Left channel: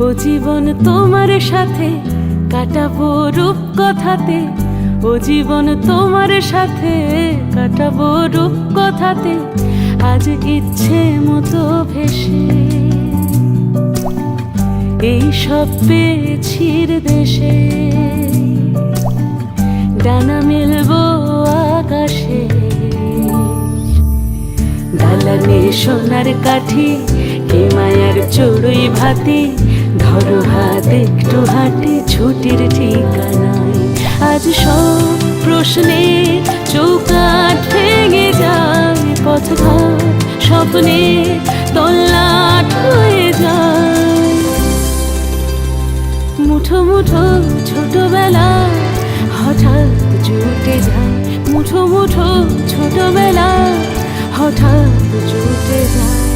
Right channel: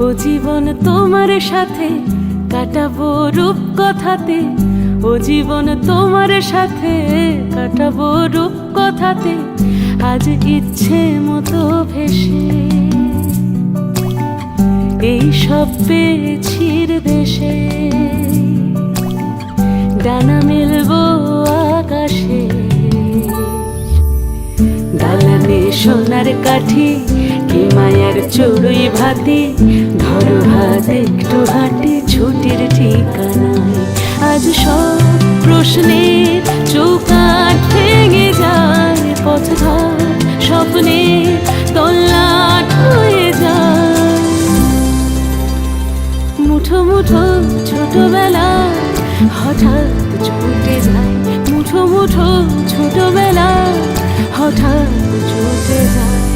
ও জীবন তোমার সাথে কাটাবো রূপ কথাতে, ও জীবন তোমার সাথে কাটাবো রূপ কথাতে, আজ ইচ্ছে মতো ভেসে এই সব পেয়েছির দেশে। ডানা মেলবো আকাশে, দালানে সোনার কাঠি, কি মায়ার চড়ুই ভাতি, ধরো হাত একটু হাঁটি ছুটির ঠিকানায়। আজ সব প্রশ্নের চৌকাঠ ভেঙে যায়, পথঘাট স্বপ্নের তল্লাট হয়ে যায়। মুঠো মুঠো ছোটবেলা হঠাৎ জুটে যায়, মুঠো মুঠো ছোটবেলা হঠাৎ জুটে যায়।